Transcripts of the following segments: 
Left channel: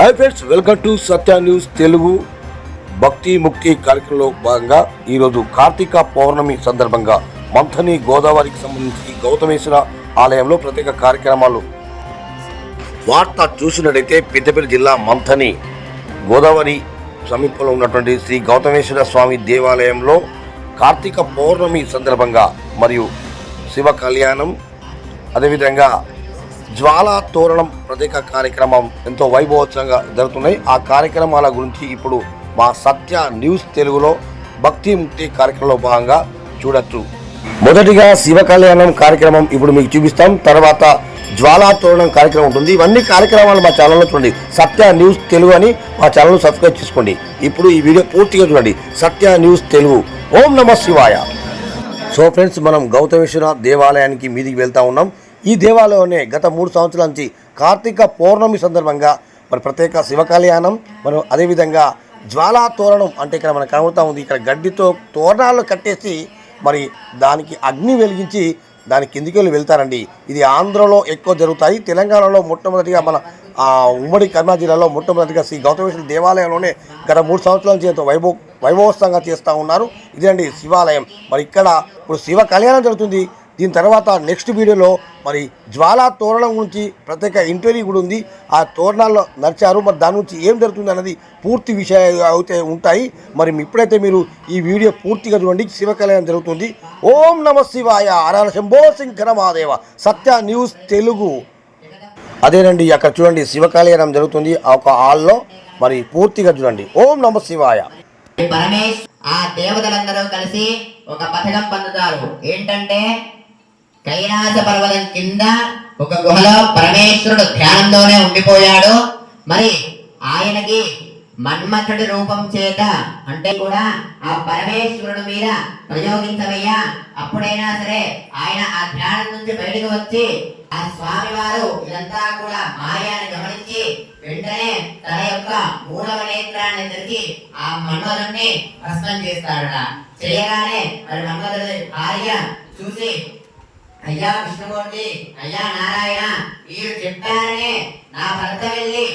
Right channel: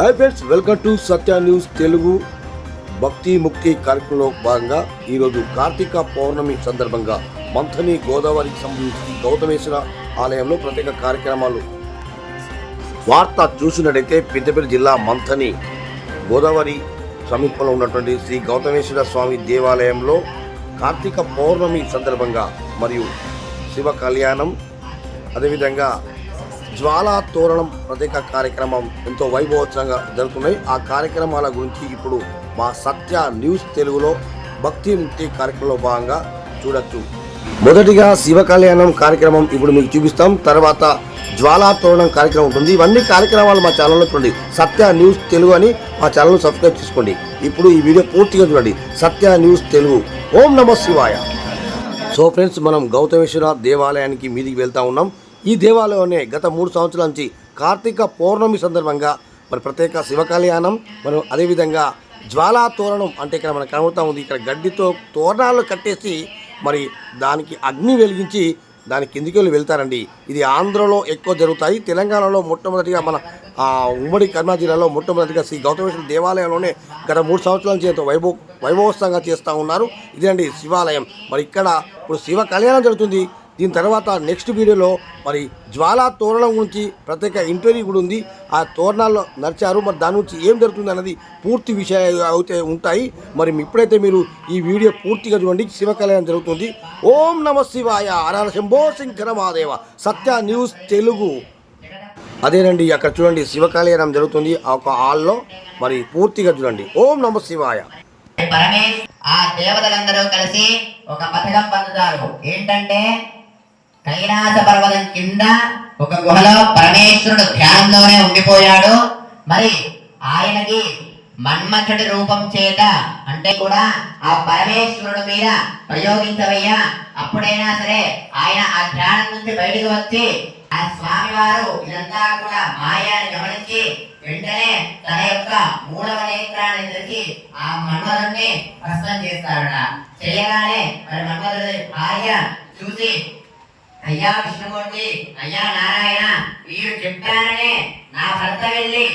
Hi friends, welcome to Satya news Telugu. భక్తి ముక్తి కార్యక్రమంలో భాగంగా ఈరోజు కార్తీక పౌర్ణమి సందర్భంగా మంథని గోదావరికి సంబంధించి గౌతమేశ్వర ఆలయంలో ప్రత్యేక కార్యక్రమాలు. వార్త చూసినట్టయితే పెద్దపల్లి జిల్లా మంథని గోదావరి సమీపంలో ఉన్నటువంటి శ్రీ గౌతమేశ్వర స్వామి దేవాలయంలో కార్తీక పౌర్ణమి సందర్భంగా మరియు శివ కళ్యాణం, అదేవిధంగా జ్వాలా తోరణం ప్రత్యేక కార్యక్రమం ఎంతో వైభవోత్సవంగా జరుగుతున్నాయి. ఆ కార్యక్రమాల గురించి ఇప్పుడు మా సత్య న్యూస్ తెలుగులో భక్తి ముక్తి కార్యక్రమంలో భాగంగా చూడొచ్చు. మొదటిగా శివ కళ్యాణం కార్యక్రమం ఇప్పుడు మీకు చూపిస్తాం. తర్వాత జ్వాలా తోరణం కార్యక్రమం ఉంటుంది. ఇవన్నీ కార్యక్రమాలు మా ఛానల్లో చూడండి. సత్య న్యూస్ తెలుగు అని మా ఛానల్ను సబ్స్క్రైబ్ చేసుకోండి. ఇప్పుడు ఈ వీడియో పూర్తిగా చూడండి. సత్య న్యూస్ తెలుగు. ఓం నమః శివాయ. సో ఫ్రెండ్స్, మనం గౌతమేశ్వర దేవాలయానికి మీదికి వెళ్తా ఉన్నాం. ఈ దేవాలయంలోనే గత 3 సంవత్సరాల నుంచి కార్తీక పౌర్ణమి సందర్భంగా మరి ప్రత్యేక శివ కళ్యాణం, మనం అదేవిధంగా జ్వాలా తోరణం అంటే ఇక్కడ మనకు కనబడుతూ ఉంది. ఇక్కడ గడ్డితో తోరణాలు కట్టేసి మరి దానికి అగ్ని వెలిగించి దాని కిందికి వెళ్ళి వెళ్తారండి. ఇది ఆంధ్రలో ఎక్కువ జరుగుతాయి. తెలంగాణలో మొట్టమొదటిగా మన ఉమ్మడి కర్నూలు జిల్లాలో మొట్టమొదటిగా శ్రీ గౌతమేశ్వర దేవాలయంలోనే గత 3 సంవత్సరాల నుంచి ఎంతో వైభవోత్సవంగా చేస్తూ ఉన్నారు. ఇదేండి శివాలయం. మరి ఇక్కడ ఇప్పుడు శివ కళ్యాణం జరుగుతుంది. దీని తర్వాత నెక్స్ట్ వీడియోలో మరి జ్వాలా తోరణం గురించి ప్రత్యేక ఇంటర్వ్యూ కూడా ఉంది. ఆ తోరణాల్లో నడిచారు. మరి దాని గురించి ఏం జరుగుతుంది అన్నది పూర్తి విషయాలు అయితే ఉంటాయి. మరి ఇప్పుడైతే మీరు ఈ వీడియో పూర్తిగా చూడండి. శివ కళ్యాణం జరుగుతుంది. ఓం నమః శివాయ. హర శంభో శంకర మహాదేవ. సత్య న్యూస్ తెలుగు. అదేనండి, అక్కడ చూడండి శివ కళ్యాణం జరుగుతుంది. ఒక హాల్లో మరి పూర్తిగా చూడండి. ఓం నమః శివాయ. ఆ దేవతలందరూ కలిసి ఒక పథకం పొందుతారు. ఏంటంటే కైలాస పర్వతం కింద ఒక గుహలో పరమేశ్వరుడు ధ్యానంలోనే ఉండిపోయాడు. మరి ఆయనకి మన్మథుడి రూపం చేత అంటే కూడా ఆ పరమేశ్వరుడు మీద ప్రయోగించవయ్యా, అప్పుడైనా సరే ఆయన ఆ ధ్యానం నుంచి బయటకు వచ్చి ఆ స్వామి వారు ఇదంతా కూడా మాయాన్ని గమనించి వెంటనే తన యొక్క మూడవ నేత్రాన్ని తెరిచి ఆ మన్మథుడిని భస్మం చేస్తాడట. చేయగానే మన్మథుడి భార్య చూసి, అయ్యా విష్ణుమూర్తి, అయ్యా నారాయణ, వీరు చెప్పారనే నా భర్త వెళ్ళి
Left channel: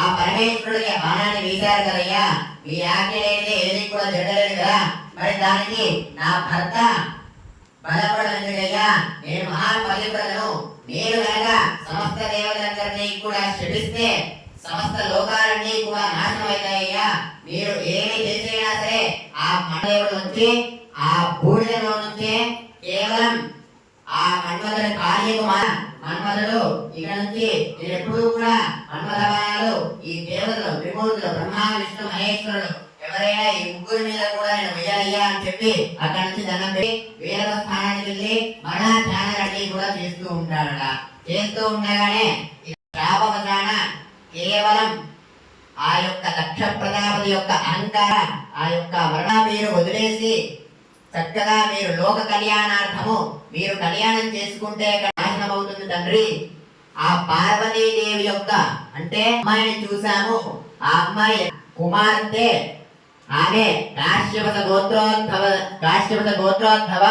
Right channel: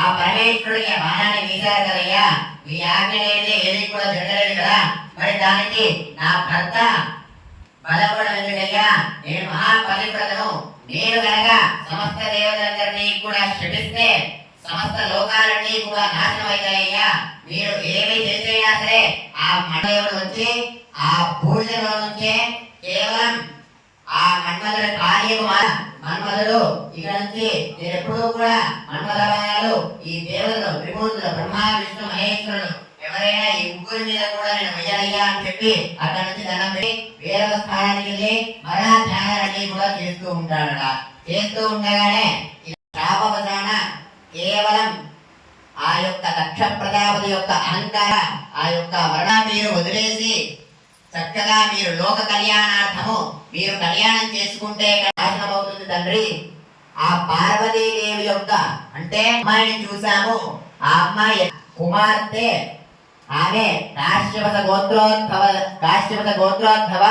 ఆ పరమేశ్వరుడికి బాణాన్ని వీశారు కదయ్యా, ఈ ఆజ్ఞ అయితే ఏది కూడా జరగలేదు కదా, మరి దానికి నా భర్త బలపడం ఎందుకయ్యా? నేను మహాపవిత్రతను, నేను కనుక సమస్త దేవతలందరినీ కూడా శపిస్తే సమస్త లోకాలన్నీ కూడా నాశనం అవుతాయ్యా. మీరు ఏమి చేసైనా సరే ఆ మన్మథుడు నుంచి ఆ భూమిలో నుంచే కేవలం ఆ మన్మథుడి కార్యము మన్మథుడు ఇక నుంచి నేను ఎప్పుడూ కూడా మన్మథ బాణాలు ఈ దేవతలు త్రిమూర్తులు బ్రహ్మ విష్ణు మహేశ్వరుడు ఎవరైనా ఈ ముగ్గురి మీద కూడా నేను వెయ్యాలయ్యా అని చెప్పి అక్కడ నుంచి దండం పెట్టి వేరవ స్థానానికి వెళ్ళి మరణ ధ్యానాన్ని కూడా చేస్తూ ఉంటాడట. చేస్తూ ఉండగానే శాపవసాన కేవలం ఆ యొక్క దక్ష ప్రజాపతి యొక్క అహంకార ఆ యొక్క మరణ మీరు వదిలేసి చక్కగా మీరు లోక కళ్యాణార్థము మీరు కళ్యాణం చేసుకుంటే నాశనం అవుతుంది తండ్రి. ఆ పార్వతీదేవి యొక్క అంటే అమ్మాయిని చూసాము. ఆ అమ్మాయి కుమార్తె, ఆమె కాశ్యపత గోత్రోద్భవ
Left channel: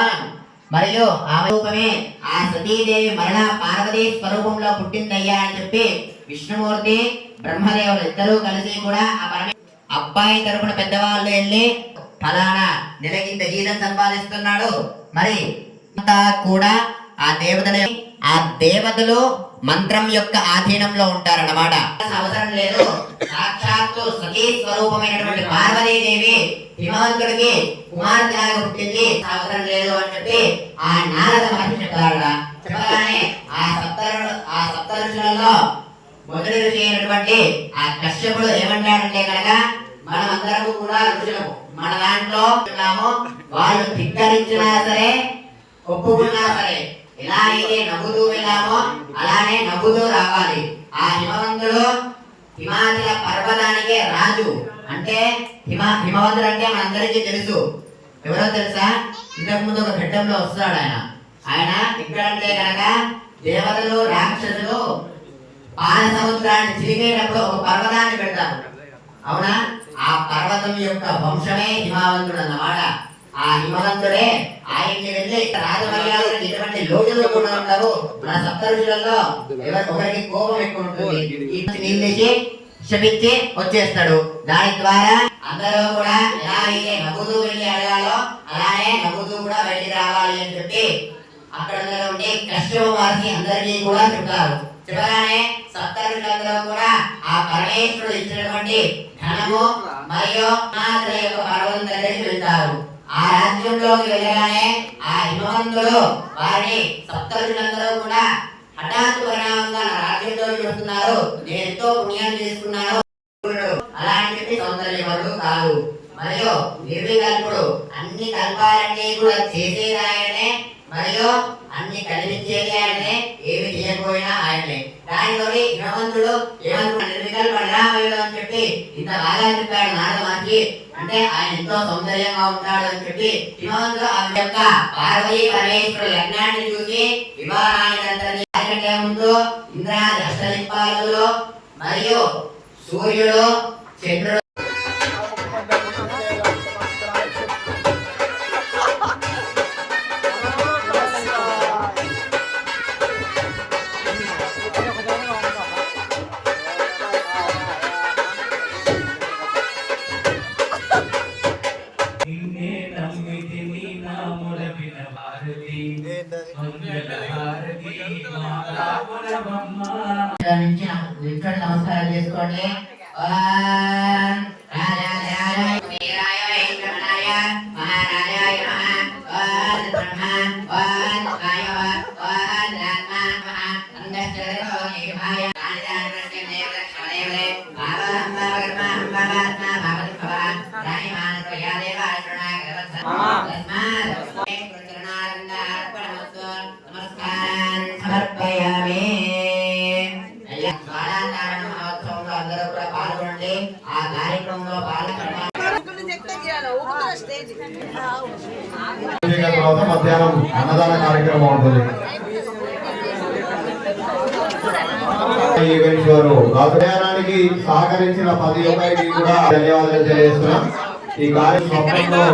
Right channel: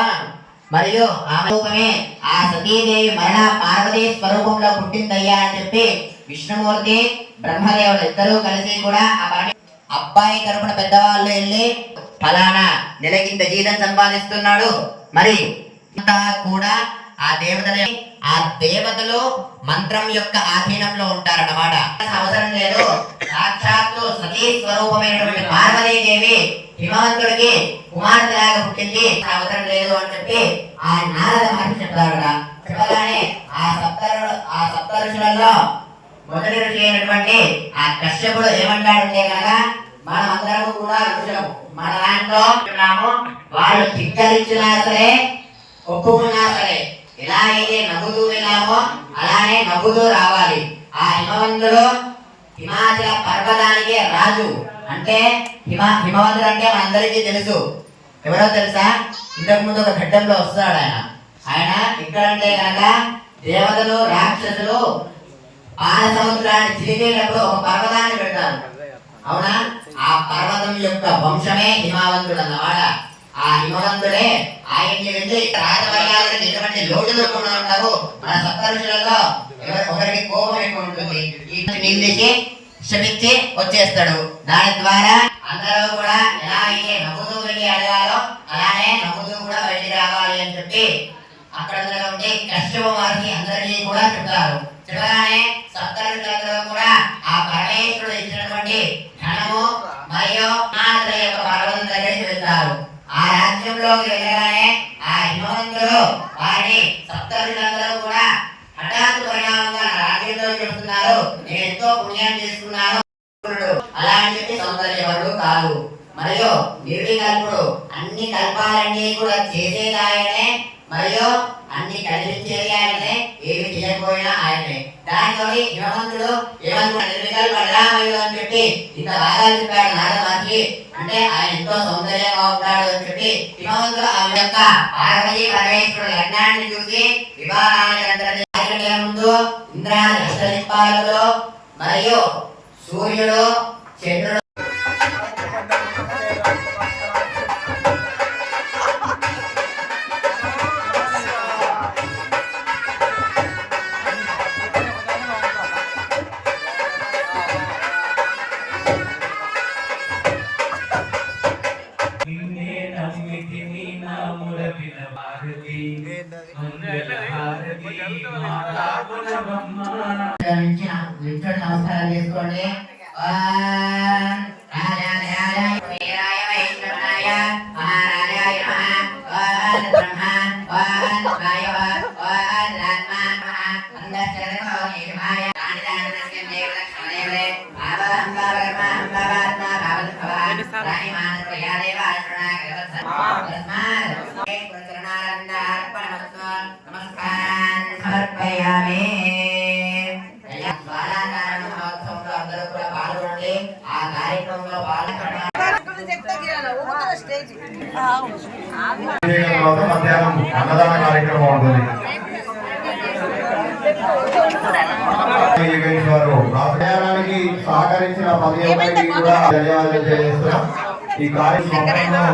మరియు ఆమె రూపమే ఆ సతీదేవి మరణ పార్వతీ స్వరూపంలో పుట్టిందయ్యా అని చెప్పి విష్ణుమూర్తి బ్రహ్మదేవుడు ఇద్దరూ కలిసి కూడా ఆ అబ్బాయి తరపున పెద్దవాళ్ళు వెళ్ళి ఫలానా నెలకింత జీతం సంపాదిస్తున్నాడు, మరి కూడా ఆ దేవతలు మంత్రం యొక్క ఆధీనంలో ఉంటారన్నమాట. అవసరం లేదు. సాక్షాత్తు సతీ స్వరూపమైనటువంటి పార్వతీదేవి హిమవంతుడికి కుమార్తెలాగా పుట్టింది, అవసరం లేదు అని చెప్పి ఆ నారద మహర్షి చెప్తాడు. చెప్పగానే ఆ సప్త ఋషులలో మొదటి ఋషి అయినటువంటి ఆ కశ్యపుడు ఏమంటాడంటే కనుక మనమందరము కూడా ఋషులము, మన దాంట్లో ఉన్నాము, వాళ్ళు ధిక్కరించినా సరే ఒప్పుకున్నా సరే ఎలా అయితే నవ్వుతూ వెళ్ళామో అలానే నవ్వుతూ రావాలి. ఆ హిమవంతుడు హిమాచల పర్వతానికే రాజు. అంటే హిమవంతుడు అంటే మనందరికీ తెలుసు. ఎవరో తెలుసా? ఇంతకు ముందు ఒక ఘట్టంలో వస్తాడు ఆయన ఇక్కడంటే కనుక దేవతలు రాక్షసులు పాల సముద్రాన్ని చిరిగేటప్పుడు ఒక పర్వతాన్ని పెడతారు, అవునా? ఆ పర్వతం యొక్క వంశమే హిమవంతుడు అన్నమాట. ఆ హిమవంతుడే ఆయన్ని వెళ్ళి రాజమర్యాదకి ఎటువంటి లోటులో కూడా ఉండవు. మన సప్త ఋషులలో ఒకరికి కోపం ఎక్కువ ఉంటుంది. నిందించి శపించి వచ్చేస్తాడు. దాని ద్వారా అందరూ కూడా ఎలా అయితే నవ్వుతూ వెళ్ళి అడగాలో అలానే నవ్వుతూ కూడా బయటికి రావాలి అని చెప్పి అక్కడ ఉండే కశ్యప మహర్షి అందరికీ కూడా చెప్తారు. చెప్పగానే సప్తఋషులందరూ కూడా ఆ పరమేశ్వరుడు ఇచ్చినటువంటి ధనము మరియు హిమాచల యొక్క పర్వతం దగ్గరికి వెళ్తారు. ఆ రాజ్యంలోకి వెళ్ళగానే ఆ హిమవంతుడు వారిని సప్తఋషులందరూ కూడా హఠాత్తు పరిణామంగా నా రాజ్యంలోకి వెళ్తున్నారు, నేను ఎంతో పుణ్యాన్ని చేసుకున్నాను అలా అని చెప్పి సౌందర్యవరుడు కాదు. మరియు నిర్వికల్పుడు, అన్ని కల్పాలన్నీ కూడా చేసేది ఆయనే మరియు అన్ని కలిగించేది ఆయనే, ఏమి చేయకపోయినా ఆయనే. దానితోటి హిమవంతుడు నిర్వికల్ప నిరామయుడు అని చెప్పి ఇంత బాగా చెప్పాడు నారద మహర్షి. అంటే ఆయన ఎంతో సౌందర్యంగా ఉంటాడు అని చెప్పి హిమవంతుడు ఆమె యొక్క పార్వతీ పరమేశ్వరుడు లగ్నాన్ని చూసి వివాహానికి ముందు ఇంద్రాది అష్టదిక్పాలకులు మరియు సూర్యుడు చంద్రుడు నమస్కారం చేసుకోండి. మధ్యాహ్నం అన్నదాన కార్యక్రమం ఉంటుంది. ప్రయాణానికి సహకరించిన 10 మందికి కూడా ధన్యవాదాలు తెలియజేస్తున్నా. ఈ కార్యక్రమంలో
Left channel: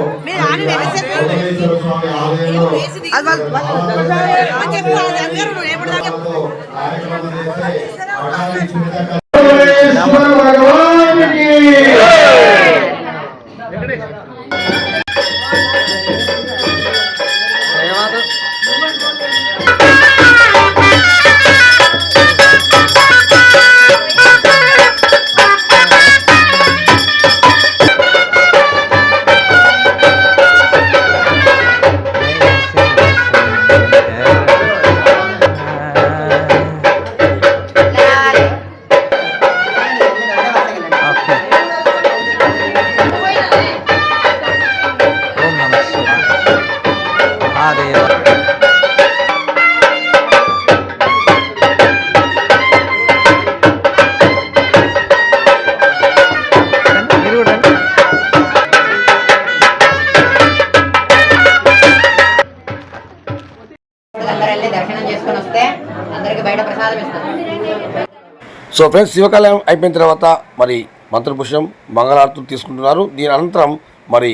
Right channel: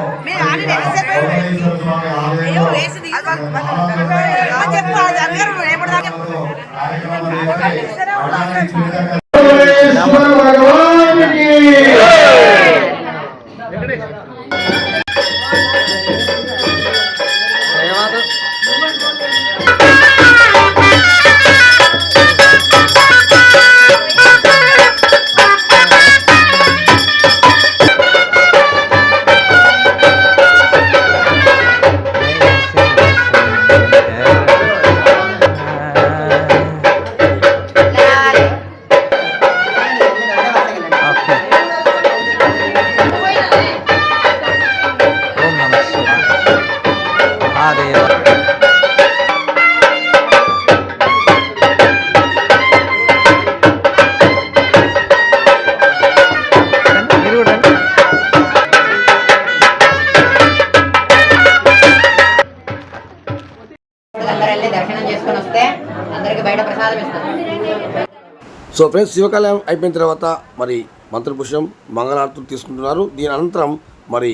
దర్శనం చేసుకొని వస్తే అందరికి బయట ప్రసాదం ఇస్తారు. సో ఫ్రెండ్స్, శివకళ్యాణం అయిపోయిన తర్వాత మరి మంత్రపుష్పం మంగళారతులు తీసుకుంటున్నారు. దీని అనంతరం మరి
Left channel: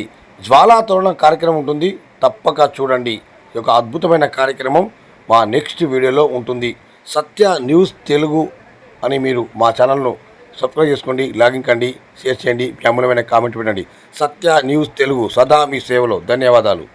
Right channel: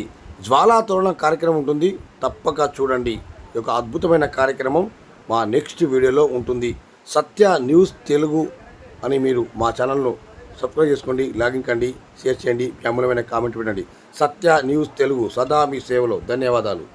జ్వాలా తోరణం కార్యక్రమం ఉంటుంది. తప్పక చూడండి. ఈ యొక్క అద్భుతమైన కార్యక్రమం మా నెక్స్ట్ వీడియోలో ఉంటుంది. సత్య న్యూస్ తెలుగు అని మీరు మా ఛానల్ను సబ్స్క్రైబ్ చేసుకోండి, లాగిన్ కండి, షేర్ చేయండి, మీ అమూల్యమైన కామెంట్ పెట్టండి. సత్య న్యూస్ తెలుగు సదా మీ సేవలో. ధన్యవాదాలు.